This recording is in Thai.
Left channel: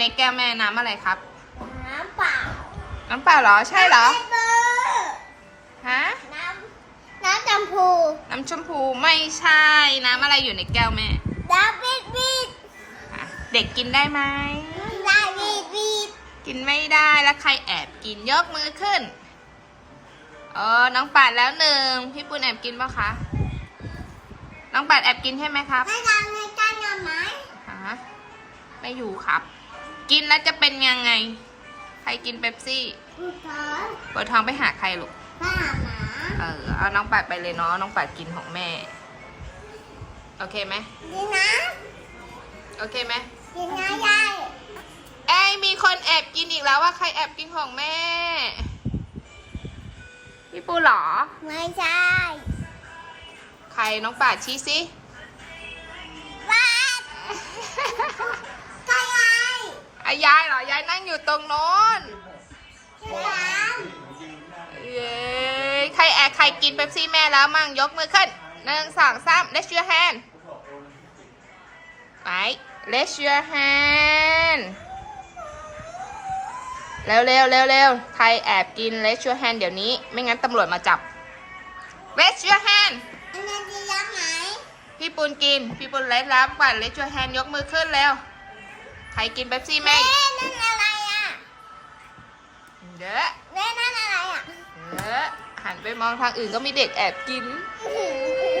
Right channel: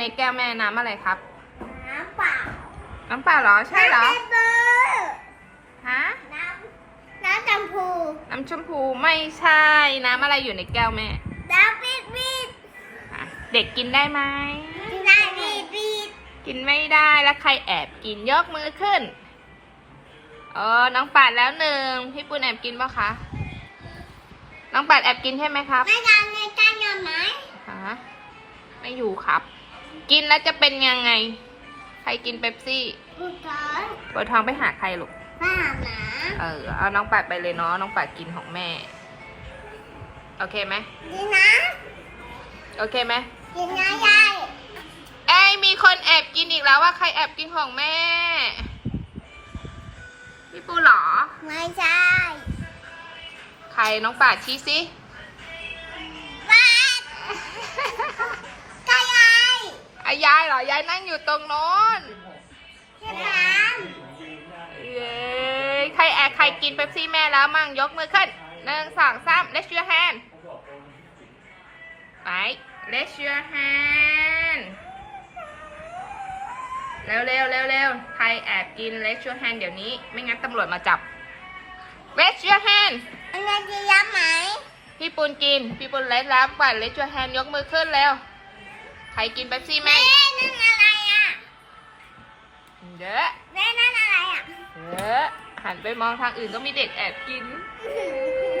ในแก้วแม่น้ำอะไรครับ น้ำเปล่า น้ำเปล่าเหรอ ใช่เหรอ น้ำเบอร์ฮะ น้ำน้ำจำพู น้ำชมพูไม่ใช่ น้ำอะไรอยู่ในแก้วแม่น้ำบีดบีดอะเด็กกินได้ไหมได้บีดบีดกินไม่ได้แล้วใครแอบกินยกมือขึ้น เออ น้องปัดแล้วหนึ่งพี่ปุณแอบกินปะคะ น้องปัดแอบกินใช่ไหมครับ ไม่ได้ในการงานไหมฮะไม่อยู่ครับ กินแล้วจะเป็นยังไง ใครกินเป๊ปซี่กูเกินปวดท้องไปหาใครลูกบ้าหมาเออเอาน้องปัดไปเลยเนาะน้องปัดกินของแม่ โอเคไหมดีนะโอเคไหมดีนะยายเอ้ยมีคนแอบกินอีกแล้วว่าใครแอบกินของแม่ พี่ปูเหรอ ไม่ใช่ ใครน้องปัดชี้สิ ยายเหรอยายนั่งอยู่ตรงโน้นที่น้เย้ใครแอบใครกินเป๊ปซี่แม่แล้วมั่งยกมือขึ้นหนึ่งสองสาม let's your hand ไป let's your hand เร็วเร็วเร็วเร็วใครแอบกิน let's your hand เดี๋ยวนี้ ไม่งั้นตำรวจมาจับ let's your hand ำอันนั้นจะย้ำไหมพี่ปุนกิน พี่ปุนเล็ดแล้วปัด let's your hand ยกมือขึ้นเร็ว ใครกินเป๊ปซี่แม่แม่นั่นอะไรอะเยอะแม่นั่นอะไรอะเยอะหันไปมองทางอื่นก็มีเด็กแอบกิน อื้อหือ